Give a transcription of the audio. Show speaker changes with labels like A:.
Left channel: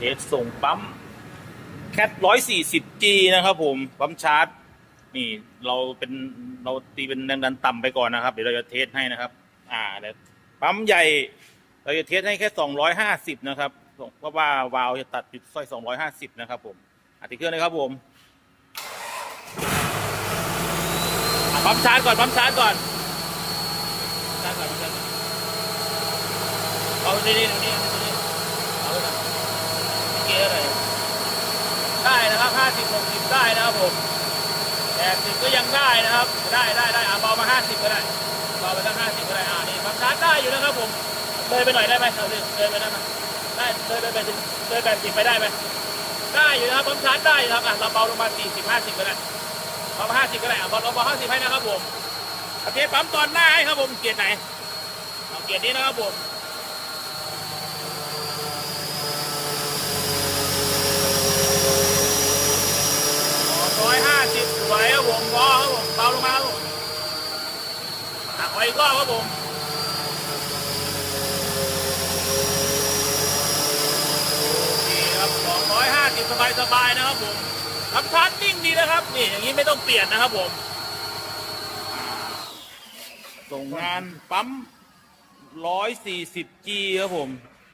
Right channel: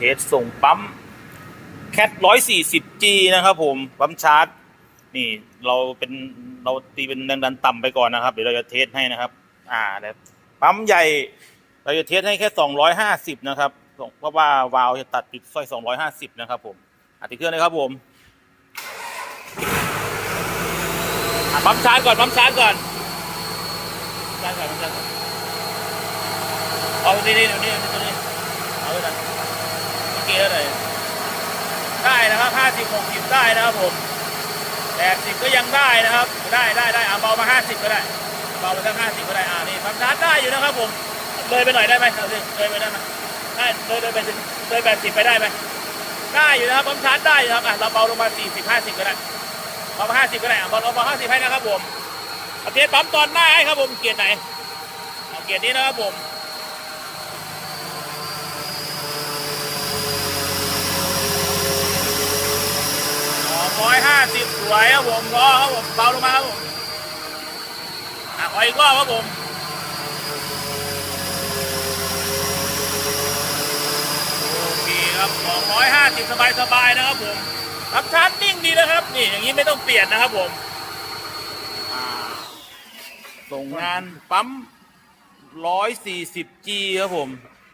A: เทสส่งปั๊มแคทร้อยสี่สิบจีนะครับผม ปั๊มชาร์จ นี่เราเป็นเราตีเป็นแรงดันต่ำไปก่อนนะครับ เดี๋ยวเราจะเทสให้นะครับ อ่าเดี๋ยวปั๊มใหญ่เราจะเทสให้แค่สองร้อยห้าสิบนะครับเพราะว่าวาล์วจะตัดจุดสร้อยสองร้อยห้าสิบนะครับผมอะติดเครื่องเลยครับผมปั๊มชาร์จก่อนปั๊มชาร์จก่อนชาร์จก่อนปั๊มชาร์จก่อนเอาตัวนี้ตัวนี้ตัวนี้เอาไปก่อนเกียร์อะไรได้นะครับ ห้าสิบหกสิบได้นะครับผมแปดสิบก็ยังได้นะครับ ได้ได้ได้อะเบามาห้าสิบก็ได้เบาไปตั้งห้าสิบก็ได้อ่านี่ทำชารได้อยู่นะครับผมเลยไปหน่อยได้ไหมเลยไปได้ไหมได้เลยเลยไปเลยแปดสิบไปได้ไหมได้อยู่นะครับผมชาร์จได้อยู่ครับอะเราเบาลงมาสี่สิบห้าสิบก็ได้เบามาห้าสิบก็ได้อะเบาเราเบาห้าสิบให้นะครับผมเอเกียร์ปั๊มตอนหน้าให้ครับผมเกียร์ไหนเอาเกียร์นี้นะครับผม ร้อยห้าสิบสวยครับผมพอครับผมเบาลงมาครับผมอะขออีกรอบครับผมโอเคครับ250สบายสบายๆนะครับผมรับชาร์จนิ่งดีนะครับ นี่อย่างนี้ไม่ต้องเปลี่ยนนะครับผมส่งงานปั๊ม 140G ครับผม